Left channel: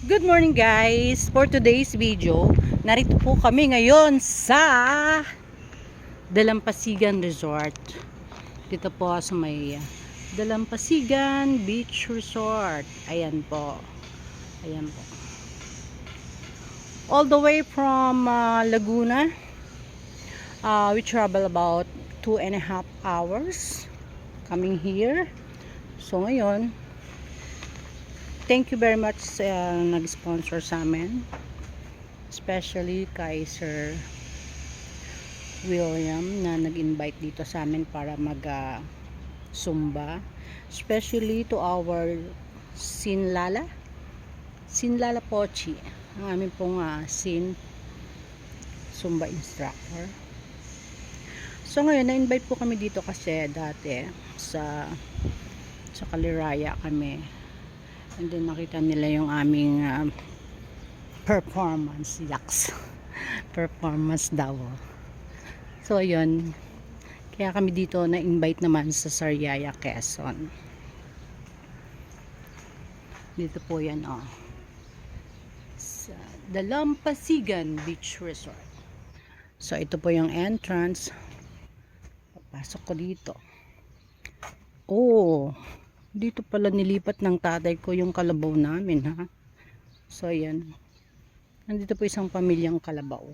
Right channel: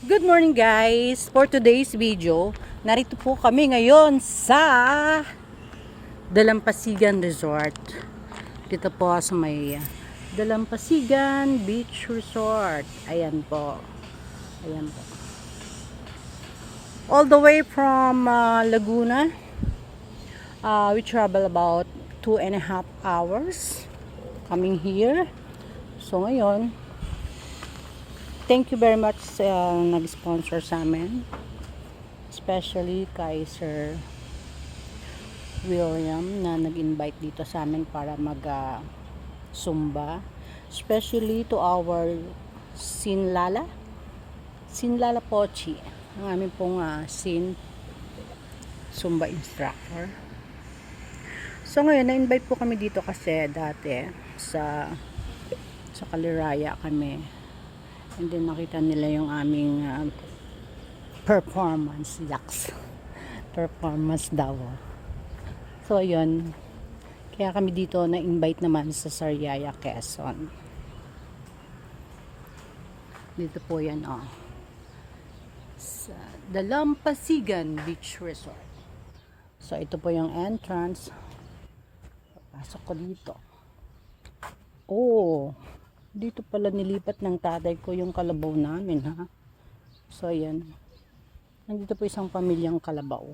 Good morning guys! For today's video, narito po kami ngayon sa Dalampasigan Resort. Dito po sa may Dalampasigan Beach Resort. Ayan po. Ayan po. All the way from Laguna. We travel about 2.5 hours coming here. So ngayon, thank you very much sa nag-sponsor sa amin. Especially kay Sir William na nag-invite dito sa amin para mag-Zumba. Especially to our Sinlala Pochi. Ang aming pong Zumba instructor. So ngayon, na-invite po kami dito kasi dati sa Kaliraya kami. And then nakita nila yung aming performance daw. So yun, kaya kami dito na-invite naman sa Sariaya, Quezon. Dito po yan sa Dalampasigan Beach Resort. So ito po yung entrance. Pasok ko dito. Dito pala nilipat ng tatay ko yung kalabaw namin, ha. So ayan, nandito po isang pamilyang kalabaw.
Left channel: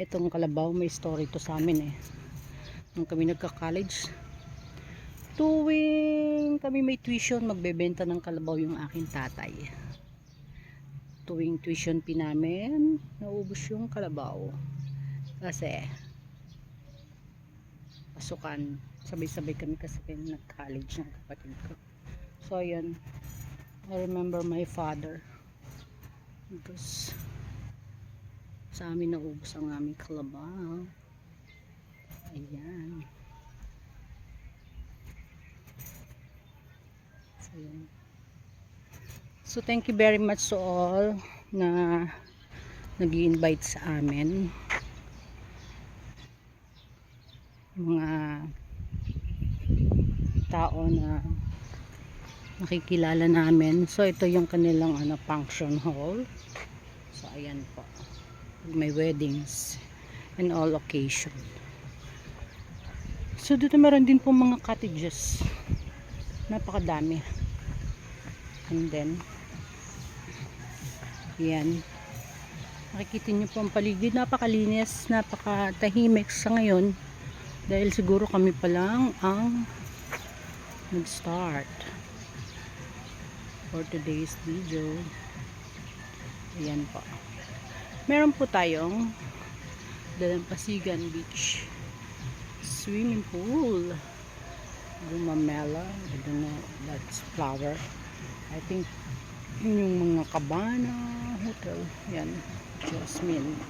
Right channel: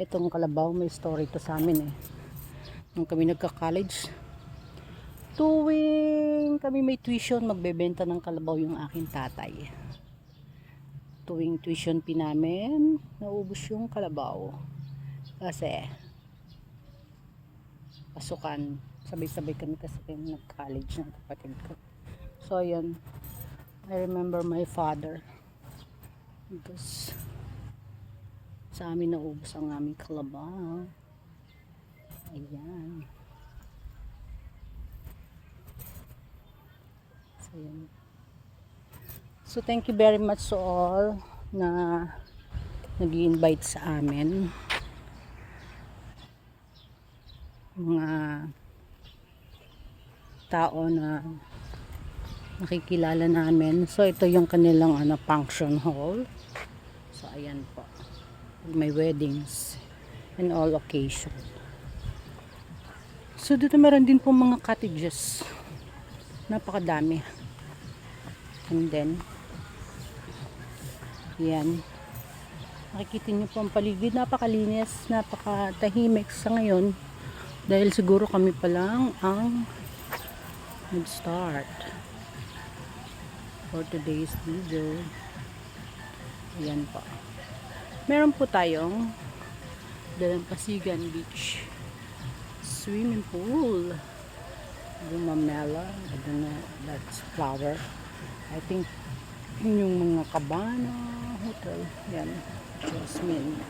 Itong kalabaw may story to sa amin nung kami nagka-college, tuwing kami may tuition, magbebenta ng kalabaw yung aking tatay. Tuwing tuition fee namin, naubos yung kalabaw kasi pasukan, sabay-sabay kami kasi nag-college ng kapatid ko. So ayan, I remember my father because sa amin naubos ang aming kalabaw. Ayan. So, ayan. So thank you very much to all na nag-i-invite sa amin. Mga tao na nakikilala namin. So ito yung kanilang function hall. So ayan po, may weddings and all occasion. So dito meron din po mga cottages, napakadami. And then yan, makikita nyo po ang paligid, napakalinis, napakatahimik sa ngayon dahil siguro kami pa lang ang nag-start for today's video. Ayan po, meron po tayong Dalampasigan Beach swimming pool, gumamela, I don't know, that's flower, I think yung mga Cabana Hotel, yan, Jasmine,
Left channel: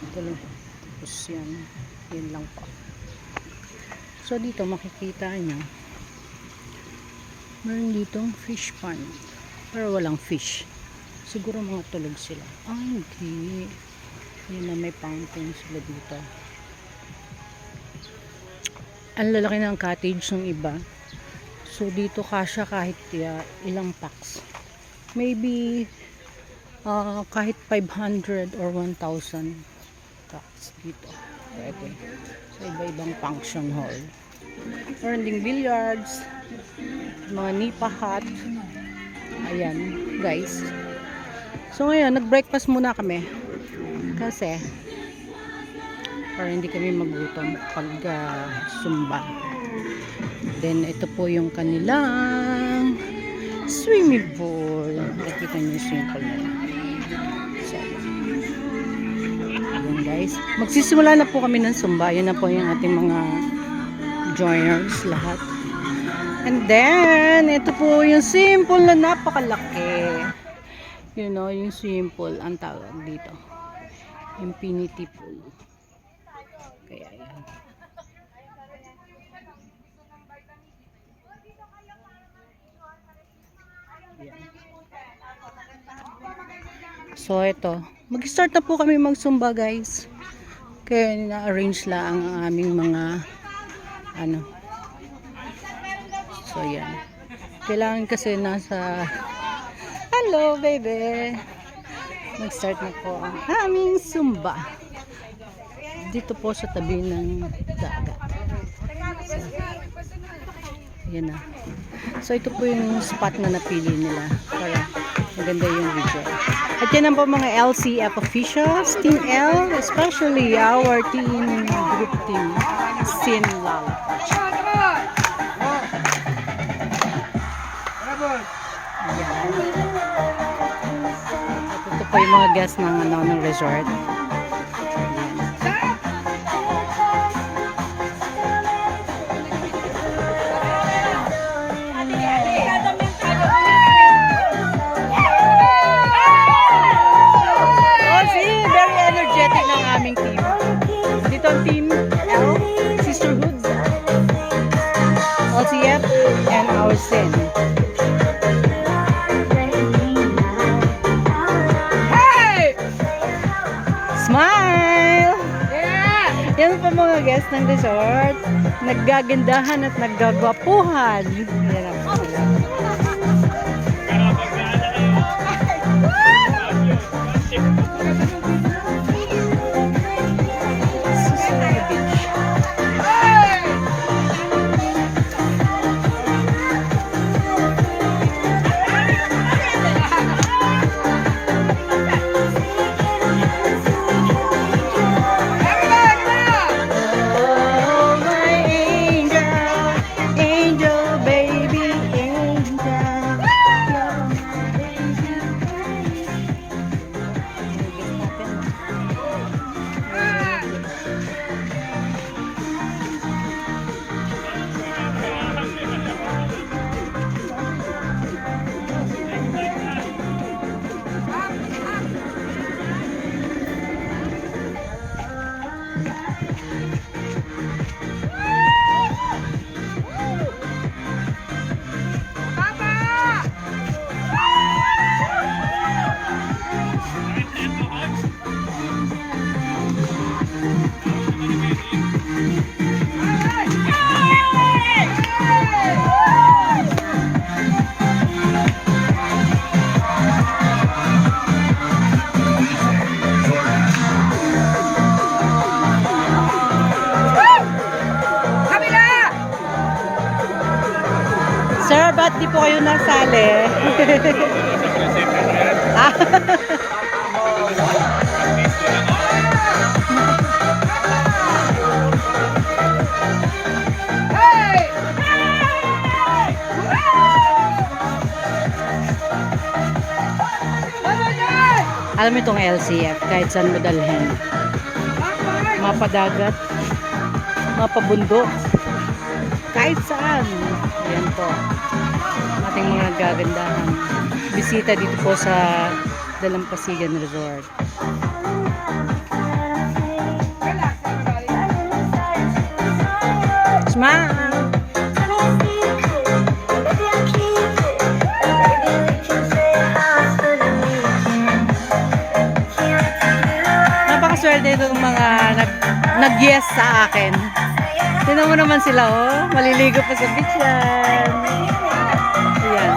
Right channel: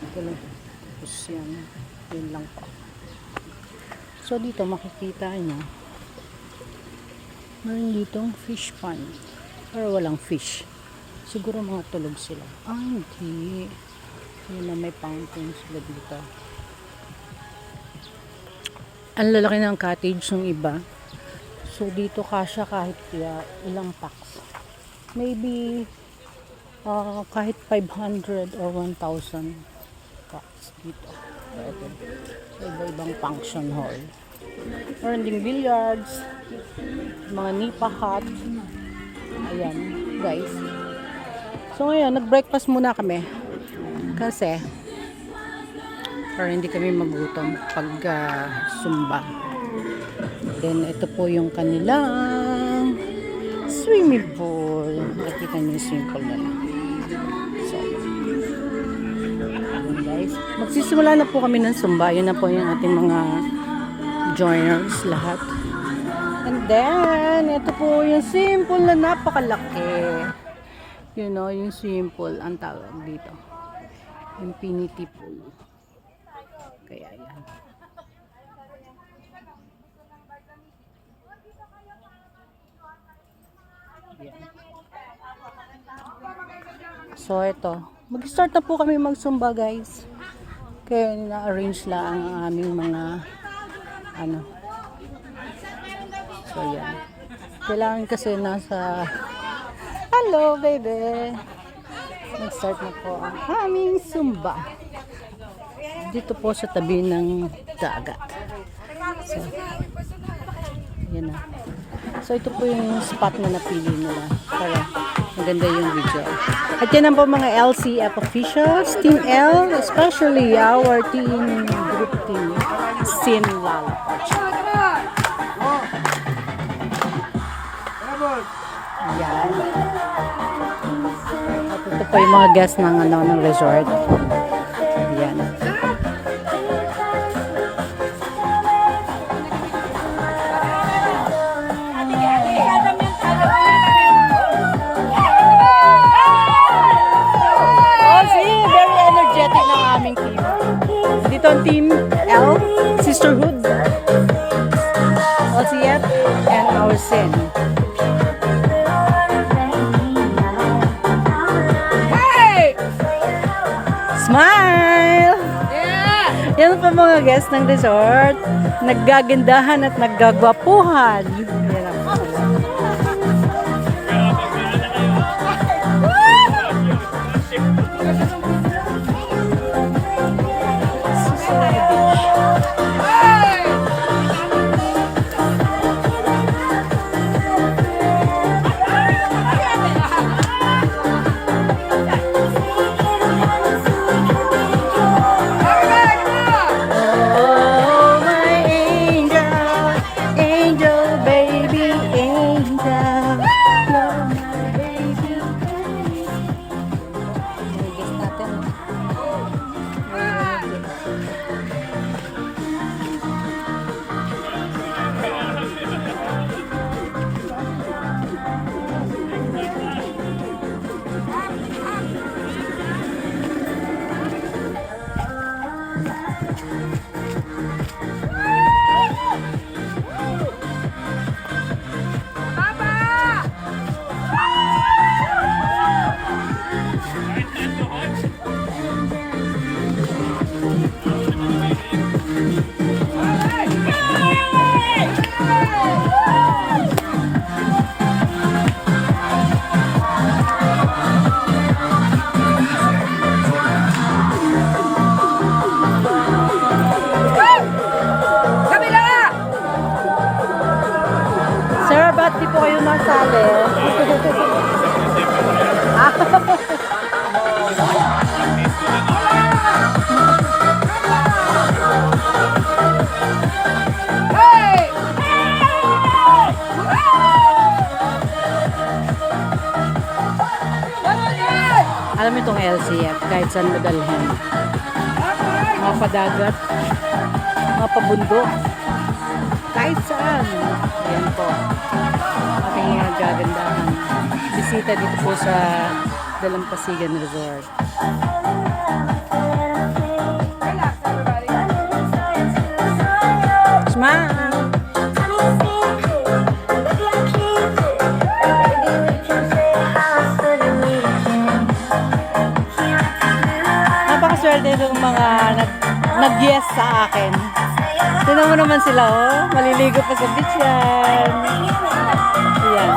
ito lang, tapos yan lang po. So dito makikita nyo meron ditong fish pond, pero walang fish, siguro mga tulog sila. Hindi, yun na, may fountain sila dito. Ang lalaki ng cottage ng iba, so dito kasya kahit ilang packs, maybe kahit 500 or 1,000 packs dito pwede sa iba-ibang function hall. Meron ding billiards, mga nipa hut. Ayan guys, so ngayon nag-breakfast muna kami kasi para hindi kami magutom pag Zumba. Then ito po yung kanilang swimming pool, nakikita nyo yung swimming pool nila. So ayan guys, magsisimula na po kami ng Zumba. Yun na po yung ating mga joiners lahat. And then ito po yung swimming pool na napakalaki, you know, yung swimming pool ang tawag dito, infinity pool. Kaya yan, so ito, mag-start na po kami mag-Zumba guys. Kaya na-arrange lang ang aming mga so yan, kailangan kasi nasa Hello, baby! Mag-start na po ang aming Zumba. Dito po sa tabi ng dagat. So, yan na. So, ito po yung spot na napili nila para maganda yung video. At yan po mga LCF officials, Team L, especially our team, group team, Sin Lalapach. Yan. At ito po yung mga guests ng resort. Yan. Aming team. Dito ang team L, Sisterhood, LCF, and our Sin. Hey! Smile! Yeah! Yan pa mga guests ng resort. Naggagandahan at naggagwapuhan. Yan ang po sila. Sir, ba't di po kayo nasali? Alam mo itong LCF, kahit saan mo dalhin. Mga padagat, mga pabundok, kahit saan. Ayan po. Ating mga gagandahan. Bisita dito po sa Dalampasigan Resort. Smile! Napakaswerte itong mga nag-yes sa akin. Tignan mo naman sila, oh. Maliligo pa sa beach yan. Ayan.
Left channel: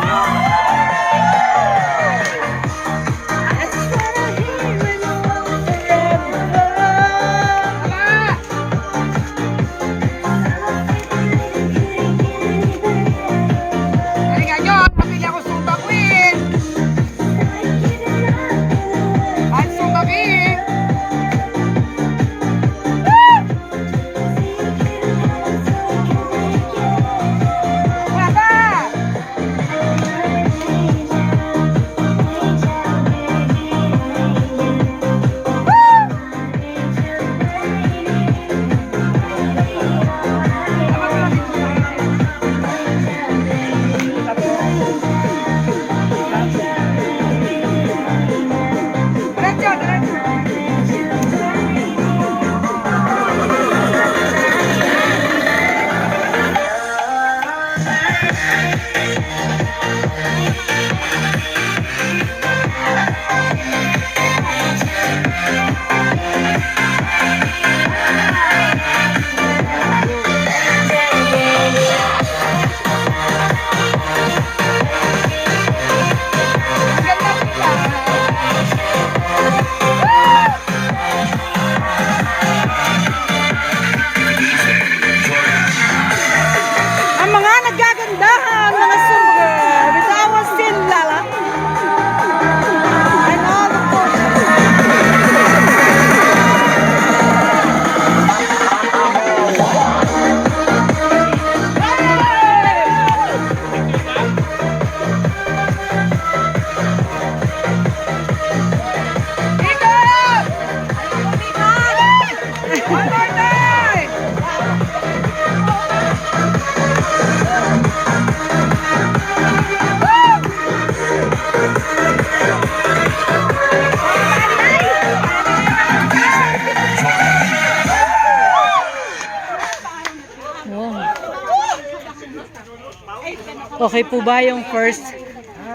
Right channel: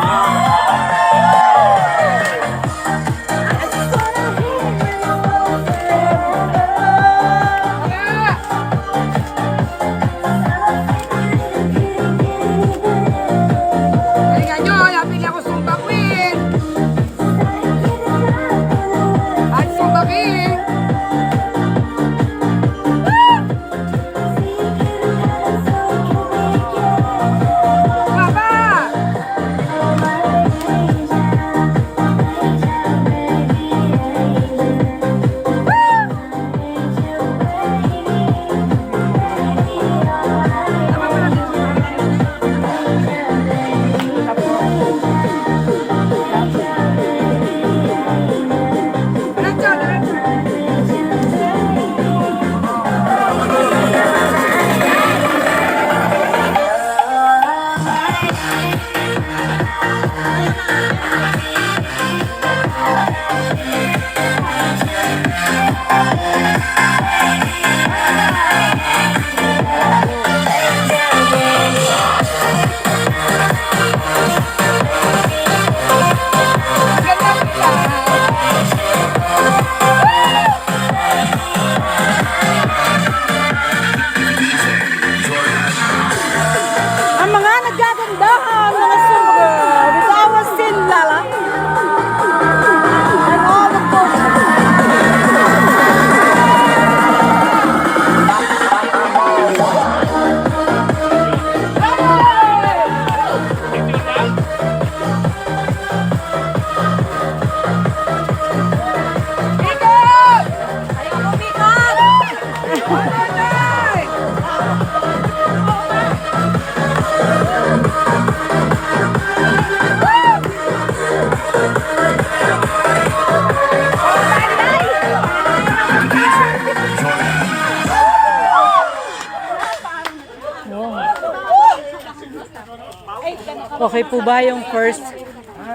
Okay po ba yung first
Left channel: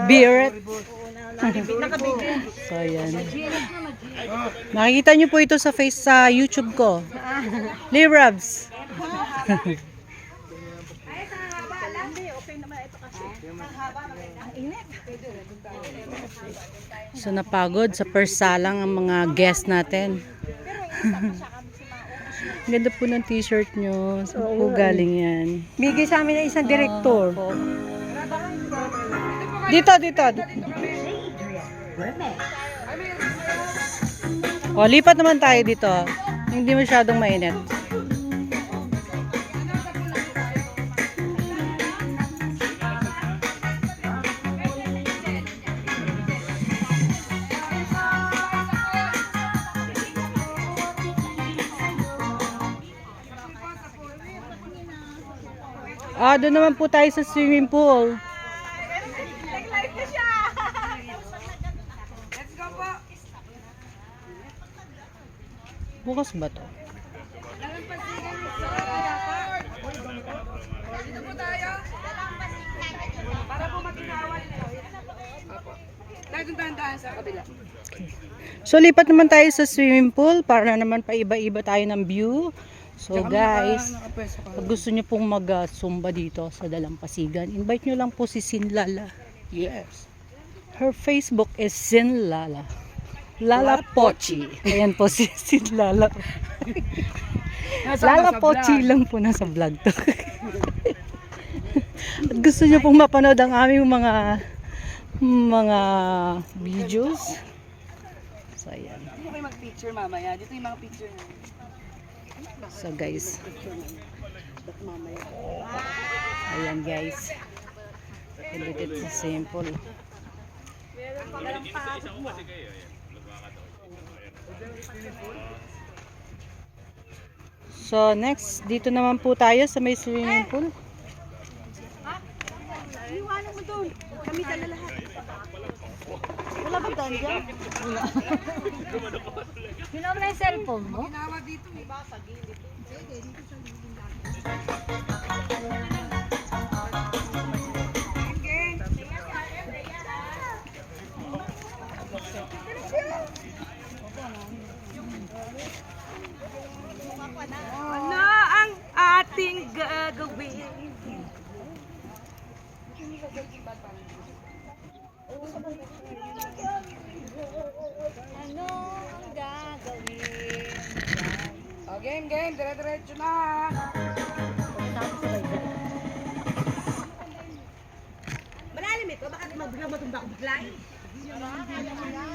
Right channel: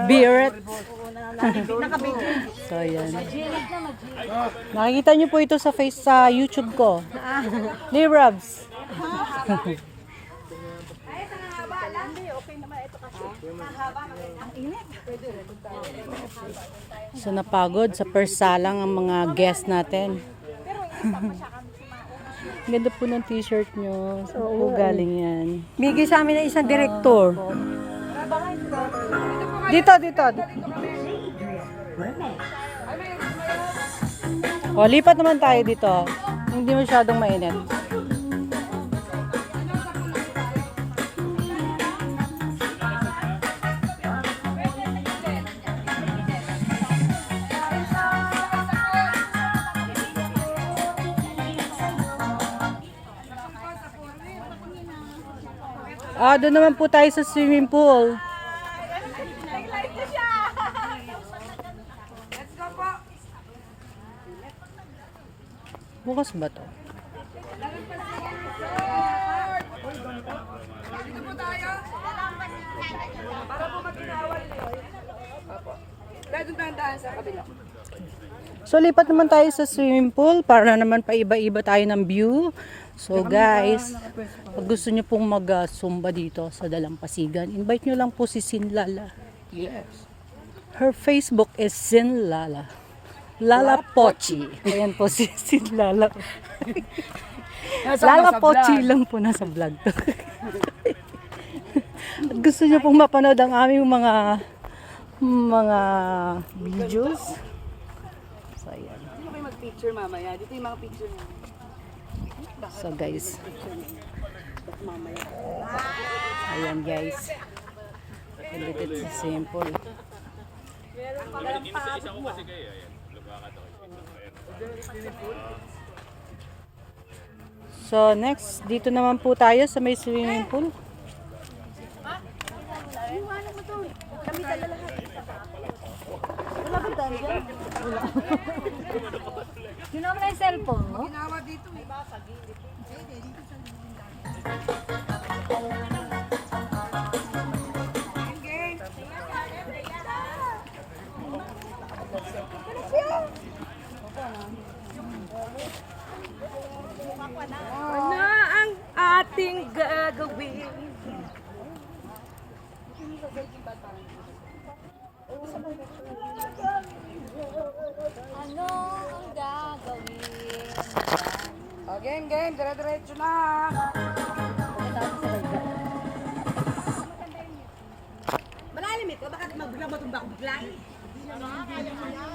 beer? So, ayan. Nakikita nyo po ito sa YouTube ko. Lirabs. So, napagod sa persalang ang mga guests natin. Ganda po ng t-shirt nyo. Saan po galing yan? Bigay sa amin ng isang direktor. Dito. O, lipat naman tayo dito. Hindi masyadong mainit. Doon naman po tayo sa swimming pool. Bukas ba to? So, lipat naman tayo sa swimming pool para naman paiba-iba tayo ng view. So, guys, pag gusto nyo pong mag-zumba dito sa Dalampasigan, invite nyo lang po si Sinlala. Yes. Her Facebook is Sinlala. Lala Pochi. Ayan po si Sinlala. Lala Pochi lang po nasa vlog to. At gusto nyo pong mapanood ang aming mga videos. So, ayan. Hindi kayo mag-picture mamaya. Dito yung mga picture niya. So, guys. Ayan, guys. Dito sa simple. So, next, dito naman po tayo sa may swimming pool. Ginawa mo na yung cellphone mo? Ano ang ating gagawin? Ano ang gagawin? Oh, game, dire-diretso na. Malalim ito, baka magbigla matumba ako bigla.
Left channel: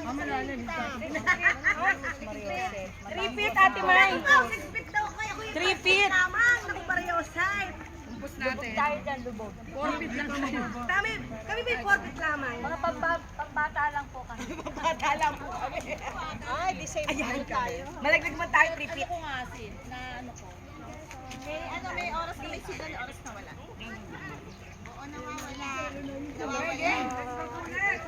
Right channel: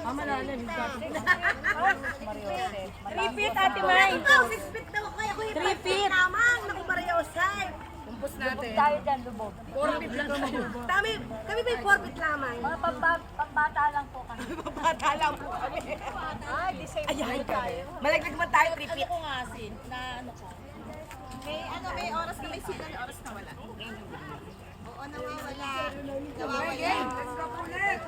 Malalim. 3 feet, Ate May. 3 feet. Kumpos natin. Tayo dyan, lubog. 4 feet lang kami. Kami may 4 feet lamang. Mga pambata lang po kami. Bata lang po kami. Ay, di same Ayan tayo. Malaglag man tayo 3 feet. May oras kami sila, may oras na wala. Game, let's go connect.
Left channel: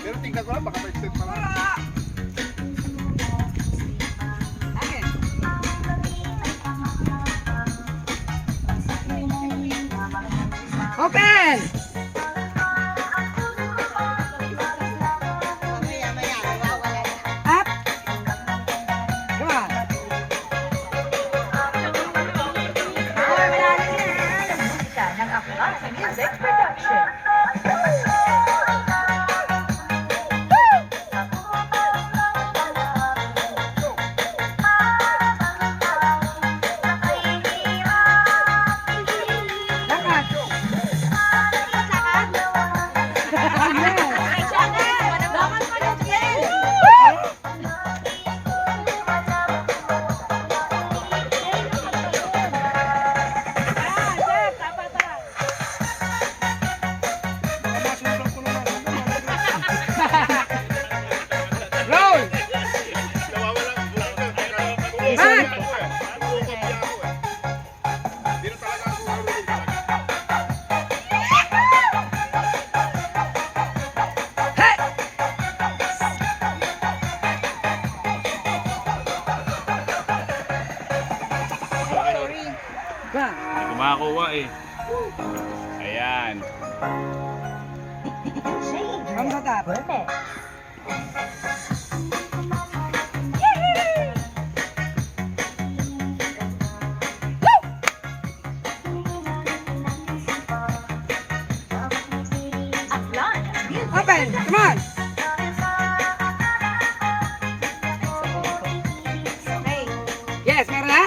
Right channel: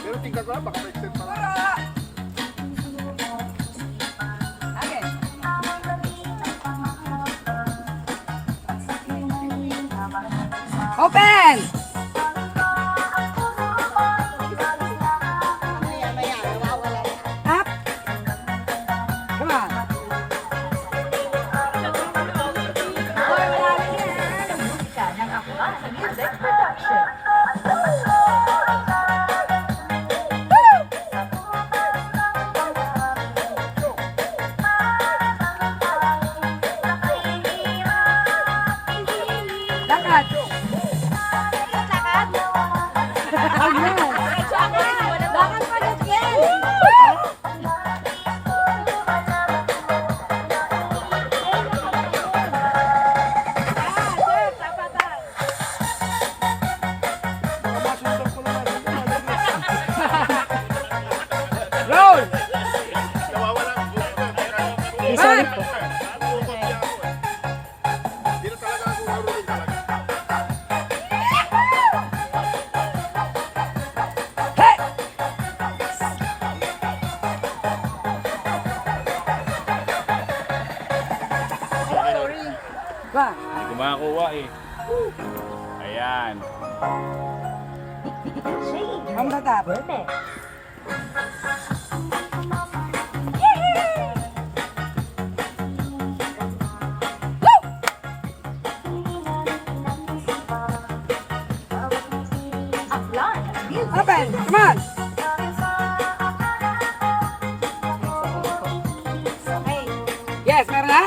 Pero tingnan ko lang, baka ma-extend pa lang. Open! Up! Come on! Bakit? One. Hindi ko makakuha eh. Ayan. From the top. Open! Come on! Yes, meron na?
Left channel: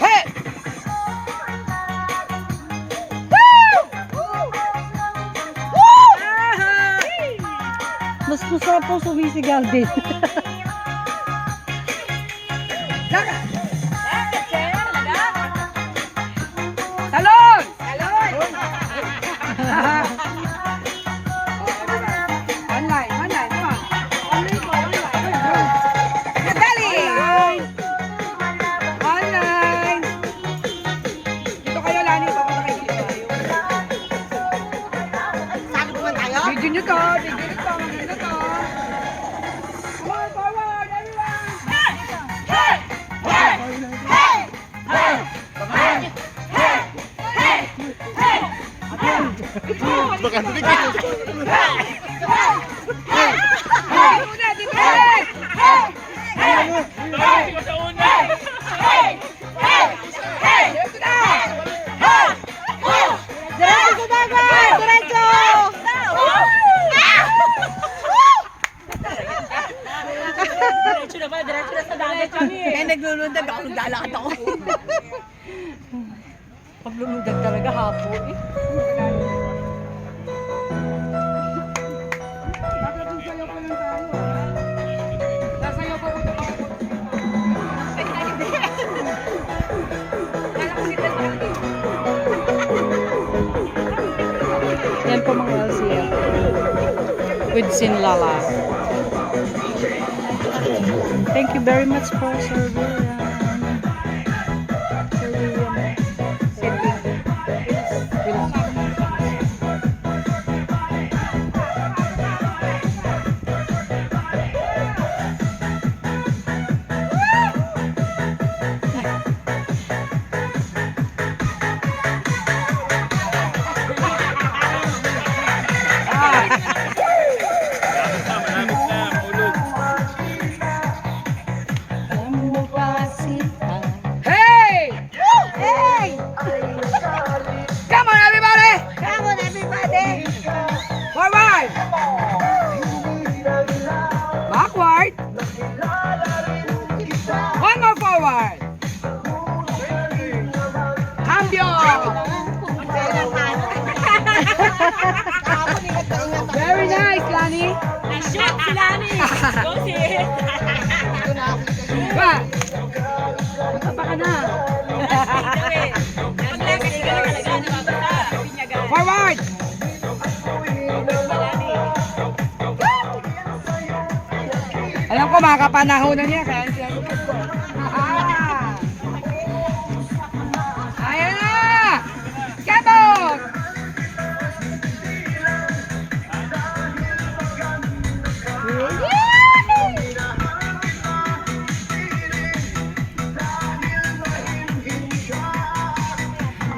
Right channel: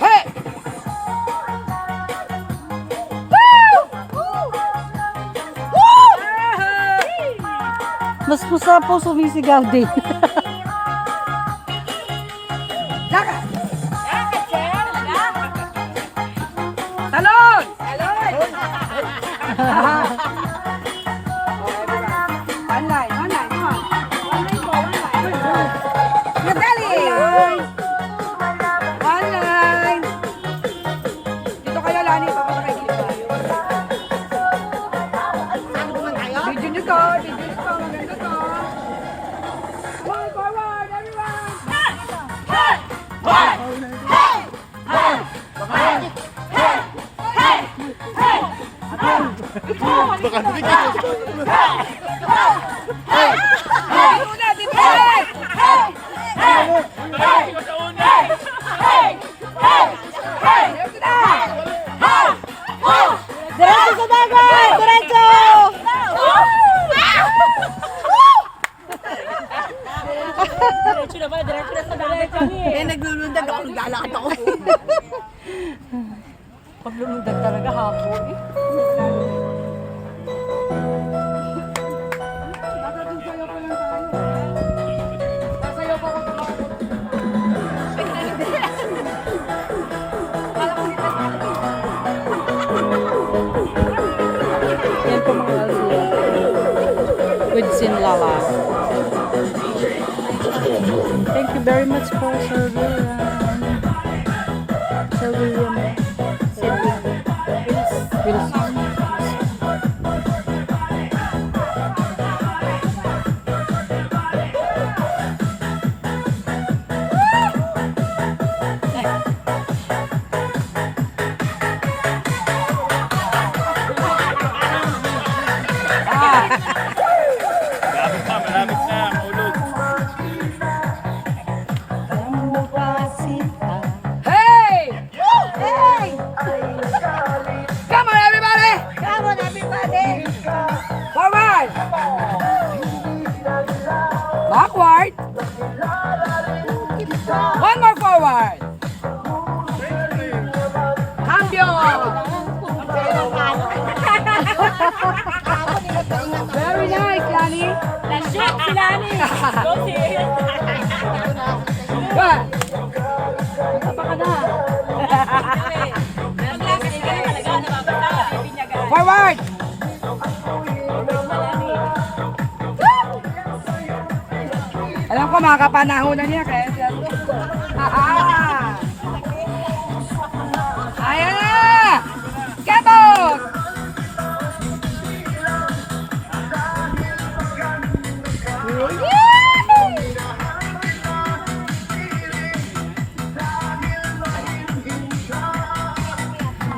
Hey! Mas masarap po sumisigaw din. Laka! Talon! Talon! Oh, everyone. One line, come on. Nadali! One line. Dito kayo, Lani. Papunta kayo dito. Video nyo to. Maganda to. Come on, forward, everyone. Baka hindi kayo. Una, si Brett! Dami ko sa una! Ito na! Diretso sa dagat! Diretso! Diretso na pala, diretso na sa dagat kami. Eh, naglulundag ako, naglalakad ako. Pag lumundag talaga hapo eh. Sasayaw pa lang tayo, ha? Sasayaw pa ako tumakot. Yan po mga LCF. With Sinlala. Thank you very much po, Sir William. Sir William. Wilson. Malapit na, mulog. Alam mo ba sita? Hey! Hey! Come on, everybody! Come on everybody! Forward! Backward! One more forward! Cambio! Very nice, Lani! Shit, si Lani! Go sis! Good! Basta ka na! Maglakad ka na talaga, nababasa. Pinyagan. Forward! Alam ko, mga kapanahonan niya, kaya sinabi ko. Ayan na! Get out!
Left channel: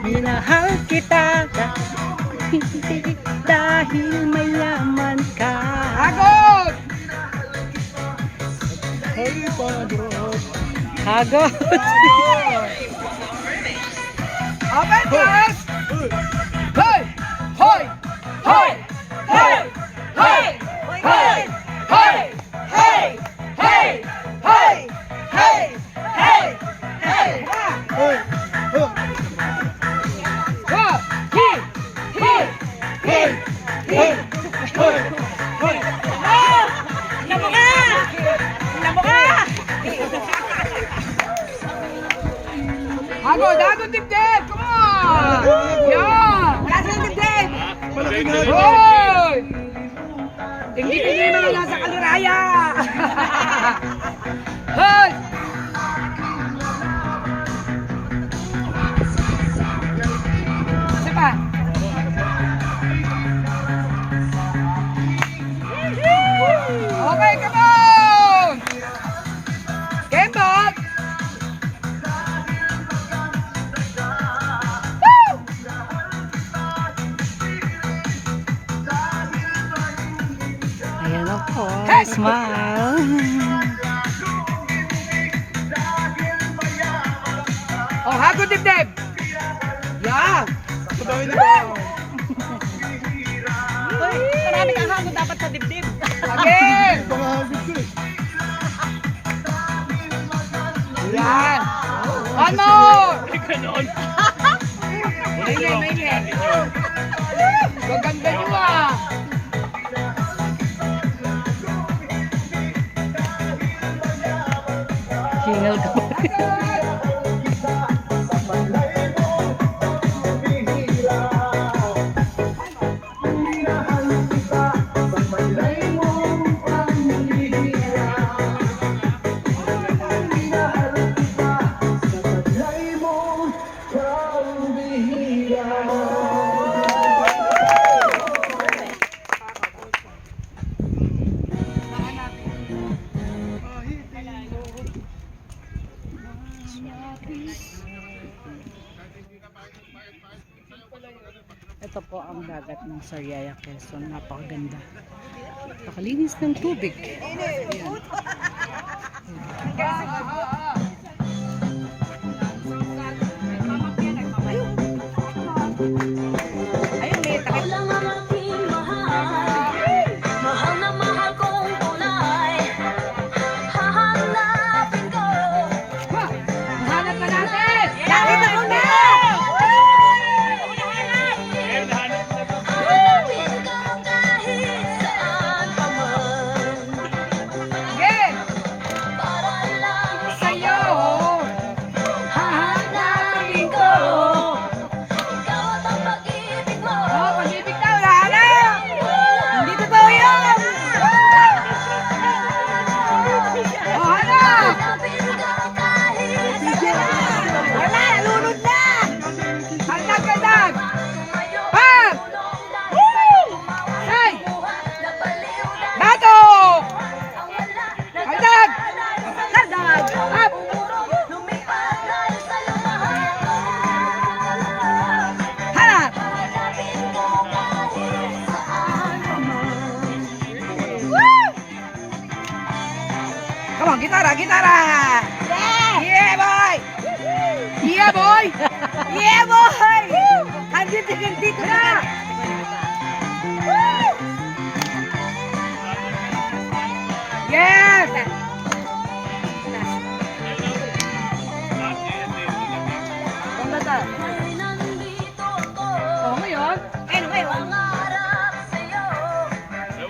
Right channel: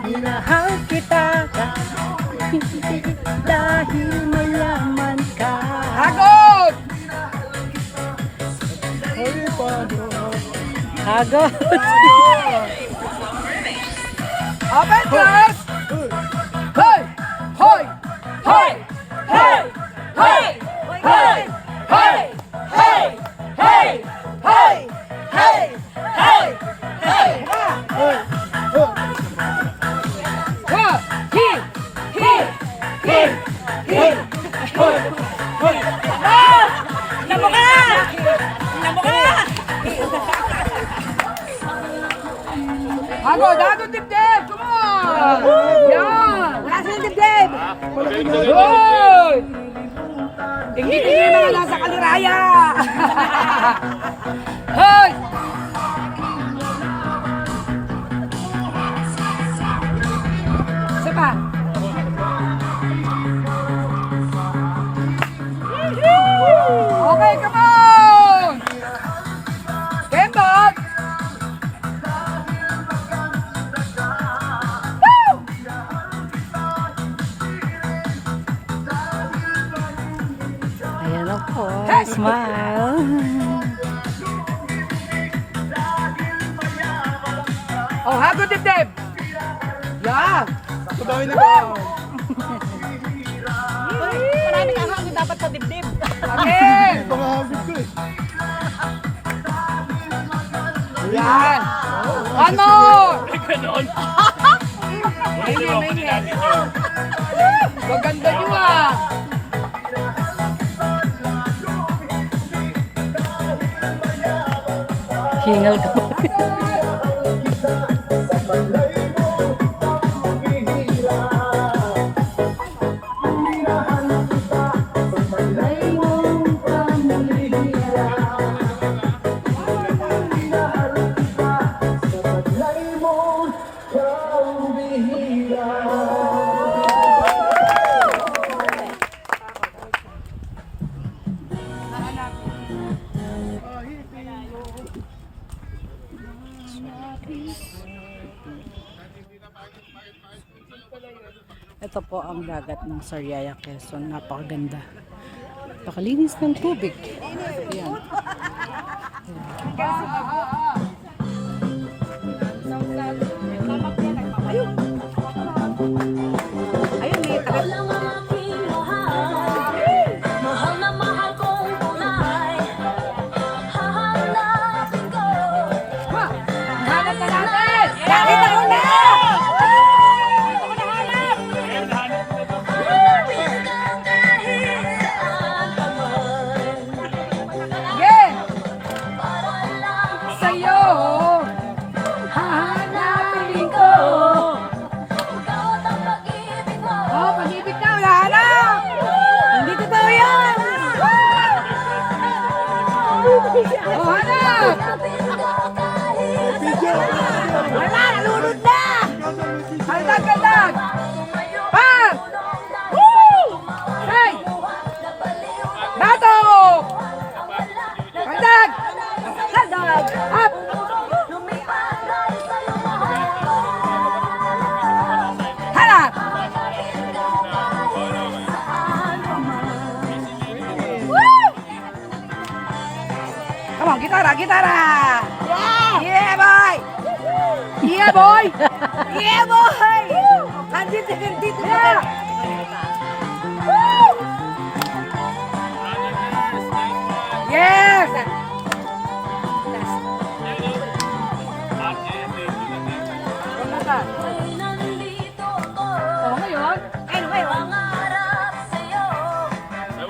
Minahal kita dahil malaman ka. Agod! Hagot. Open class! Hoy! Hoy! Hoy! Hey! Hey! Hey! Hey! Hey! Hey! Hey! Hey! Hey! Hey! Agod! Agod, dibdib! Come on! Yan! Nasa yung dibdib! Good! Inggitin nyo na nasa kaliraya! Hey! Isa pa! Okay, come on! mo dibdib. Yan. Maraming ahang dapat sa dibdib. Again. Yan. One more. Maingay. Maganda nyo ah. Hingal ka pa. Ito po ang dagat ng Sariaya, Quezon. Napakaganda. Napakalinis ng tubig. Ayan. Ikaw lang ang aking mahal. Mahal na mahal kong tunay. Hahanapin ko. Hanap na natin. Nakita ko na. Hanapin ka kahit saan pa man. Again. Para lang Sa'yo. Hahanapin ko. ikaw at ang pag-ibig mo. Oh, pag-ibig ka. Hanap. Hindi totoo yan. Oh, hanap. Hanapin ka kahit saan. Wala, nalunod na. Hanap. Ha? Hey. Dato. Hanap. Up. Hanap. Come on, gitara. Yeah, boy. Yeah, boy. Yeah, boy. Andito na. Yes. Kumata. Nandito ako. Oh, ngayon. Pangarap sa'yo.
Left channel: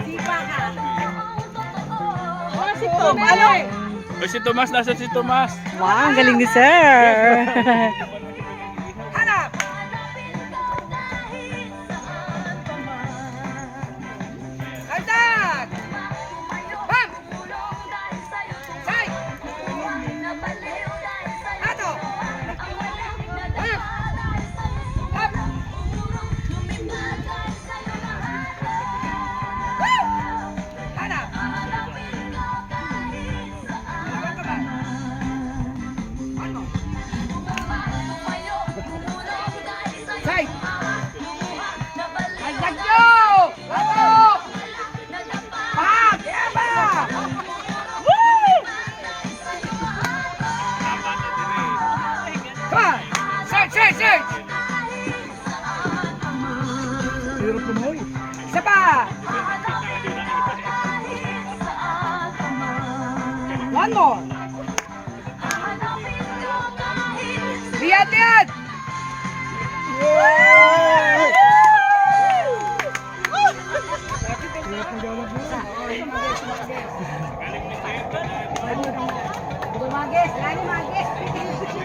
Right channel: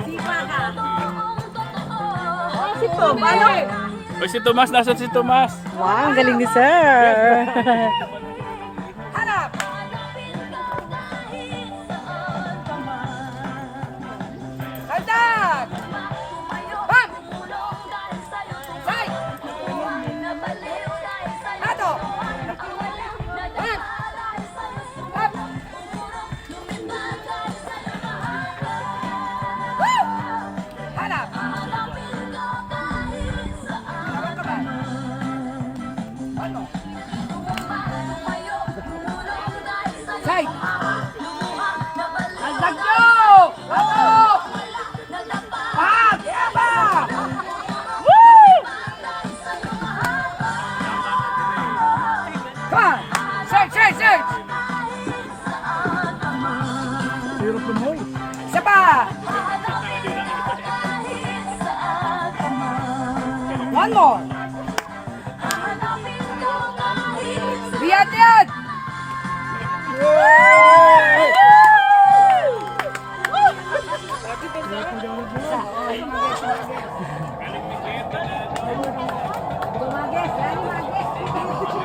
Di ba ang totoo? Oh, si Tom. Ano? Oy, si Tomas, nasa si Tomas. Wow, ang galing ni Sir. Hanap. Hanap. Bam. Say. Dato. Bam. Up. Woo! Hanap. Hanap ka ba? One more. Say. Agad nyo! Dato. Bam. Yeah ba? Woo! Come on. Search. Hirap lumoy. Isa pa. One more. Biat.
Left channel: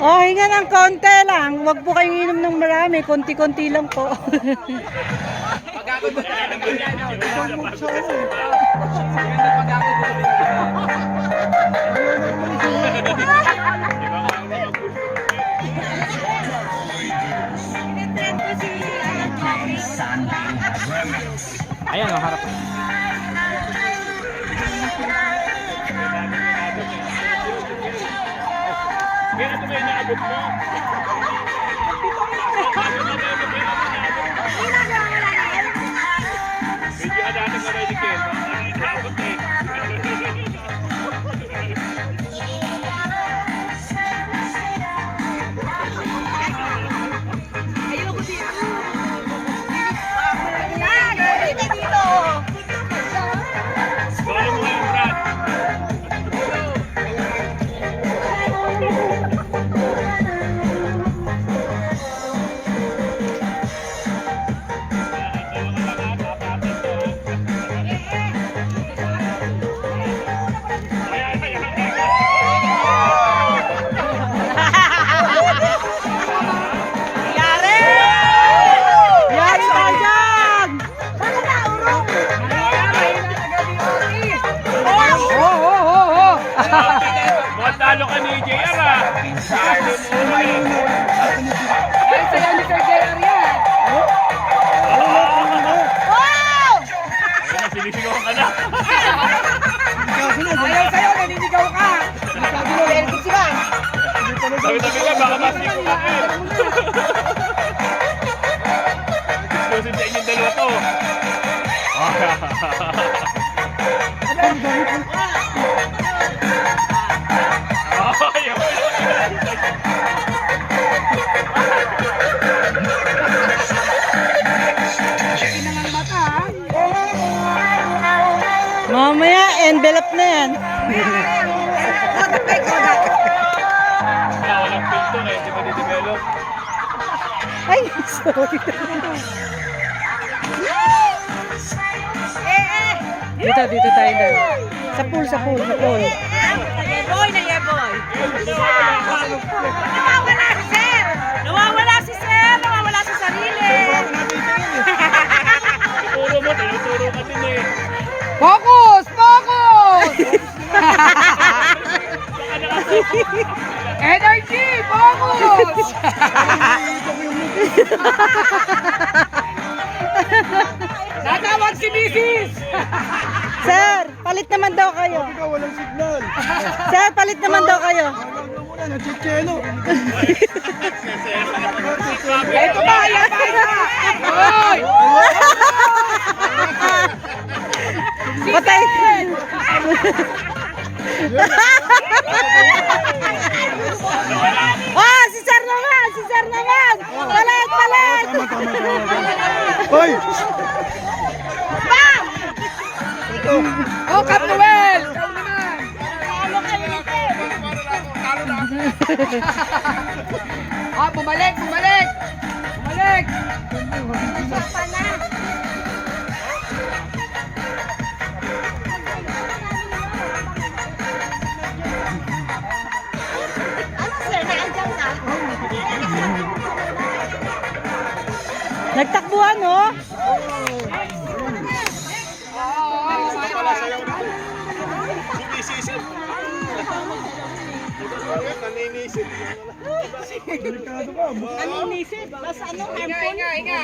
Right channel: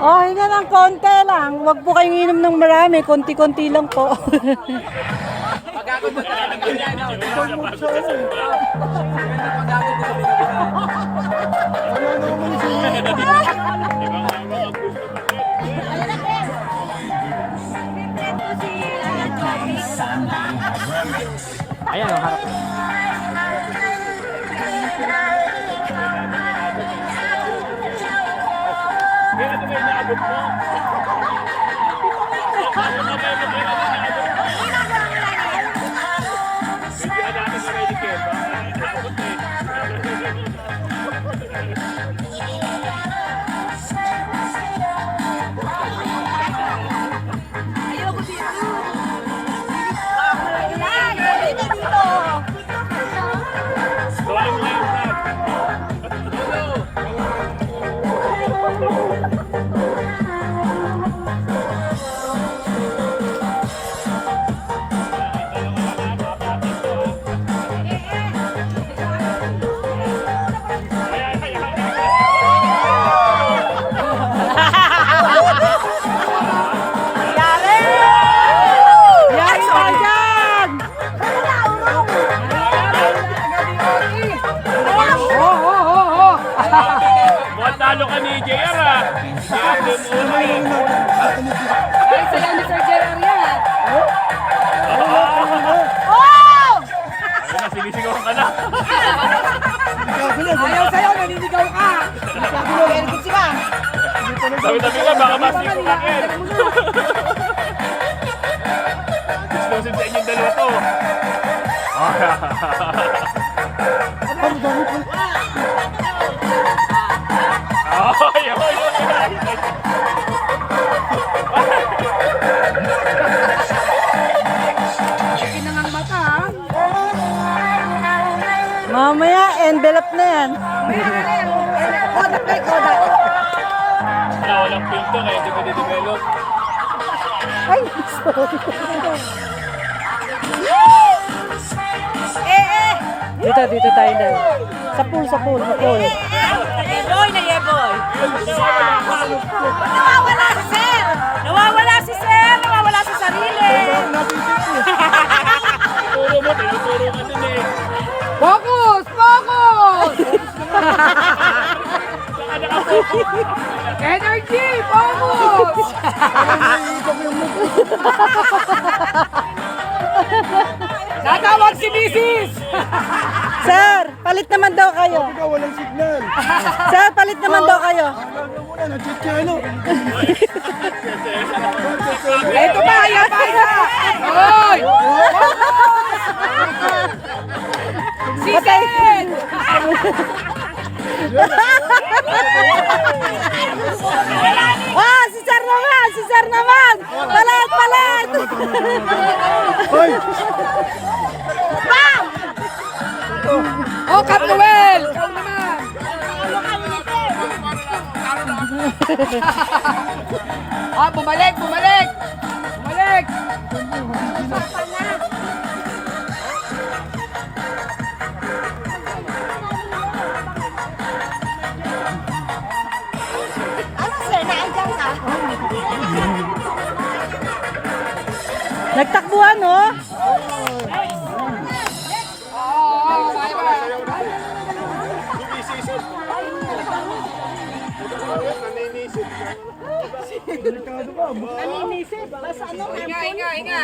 Oh, hinga ng konti lang. Huwag po kayong inom ng marami. Konti-konti lang po. Kaya ito ba yung naabot mo? Medyo adaan ka rin, Ken. Naabot eh. Natalo ka ni JR ah. Dahil sa'yo ni Sir JR yan. Ayun na, sinisigawan ka na. Ayaw sa'yo, naninigaw ka. Tabi-tabi ka, baka mas-skip ka eh. Exclusive sa inyong dalawa to. Ay, Kinangang mata, ha? Mamaya, envelope na yan. walang pinto kaya hindi pa didevelop. Ay, sorry. Dito tayo na. Sa pool. Yeboy na yeboy. Nawawala si Sir. Nawawala sa sarili. Tinuturo mo, tinuturo ka din eh. Focus! Energy! Focus! Natawag si Mrs. Sir, palit naman daw kayo. Walang signal. Sir, palit naman daw kayo. Muna, nag-chichelo. Ito ba? Ayan ba? Hoy! Patay. Si Sir naman. Palit. Hoy! Oh, Capnoel! Bumalik! Nagtakbuhan, no? Sumisisip. Naninisip. Inga!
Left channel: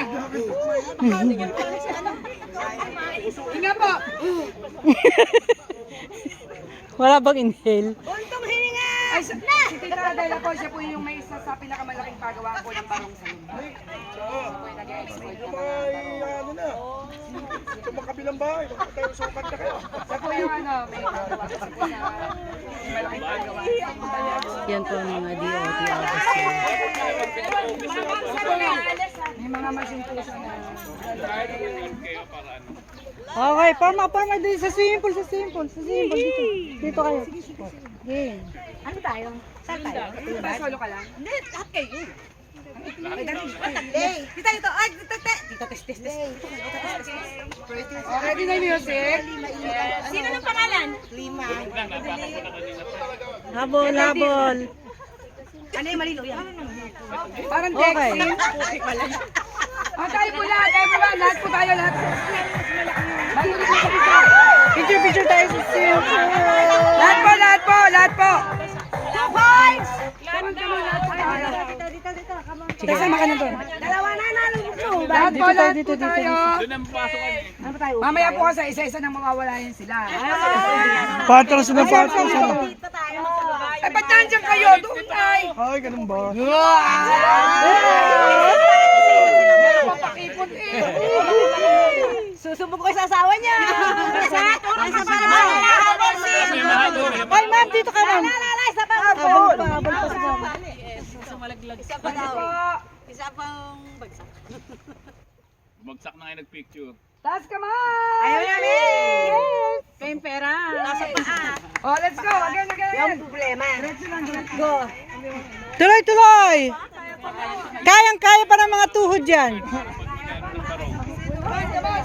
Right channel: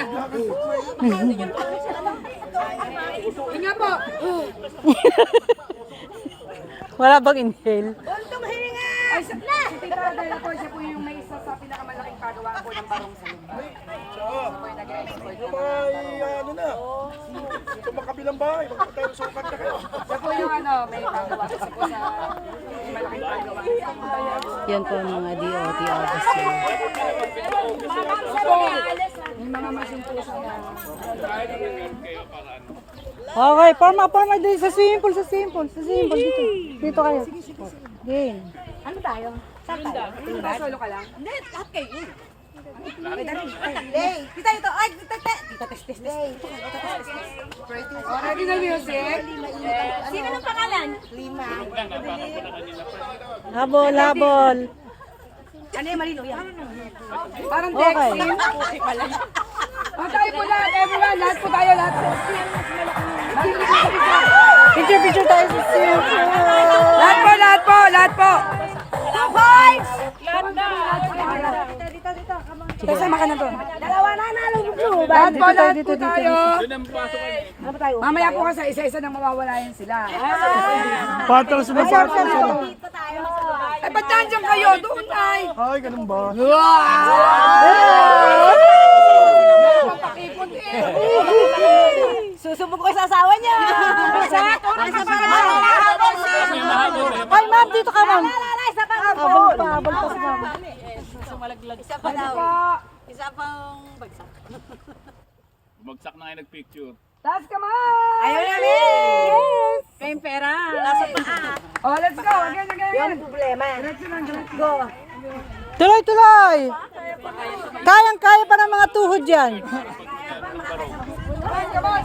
Inga po! Wala bang inhale? Ay, si Tita Adela po, siya po yung may isa sa pinakamalaking pagawa po ng barong sa lumba. Ano na? Ito makabilang bahay. Tayo sukat na kayo. Siya po yung may pagawa siya po sa malaking pagawa. Yan po ang mga DOT August. May mga masyong po siya na... Okay, forma din sa swimming pool. Dito kayo. Game. Ano tayo? Saan tayo? Solo ka lang? Hindi, lahat kayo. Kita ito. Ay, dito test. Ready na music? Sino ng pangalan? Habol. Ano yung malino yan? Parang Okay. Dexin. Tayo po lahat, everyone. Lahat po tayo, lahat. Picture tayo sa swimming pool. Lahat po. Sige. Sama ka na doon. Dalawa na nalulog. Dito tayo. Doon ang pasok ka eh. Mamaya po kasi isa-isa na mawawala yan sila. Patras mo. Dito tayo. Ay, ba't nandiyan kayo? Doon tayo. Ay, ganun ba? Susubok ko sa asawa niya. Isa pa naman. Ay, ma'am, dito ka, ma'am. Isa pa. Habol pa sa mama. Isa pa daw. Isa pang bagsak. Bagsak na kayo nagpicture. Taas kamay! Ayaw namin. Kayong pera. Nasa paa. Oh, let's go. Again. Problema. Go. Tuloy! Kayang-kaya pa ng mga tuhod yan. Come on.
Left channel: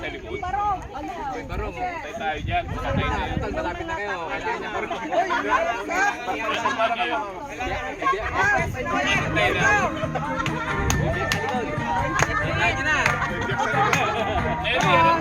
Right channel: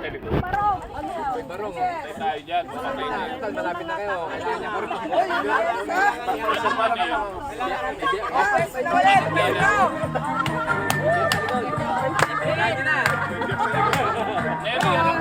Ano yung barong? Barong, tayo dyan. Malapit na kayo. Nasa pa niyo. Eri,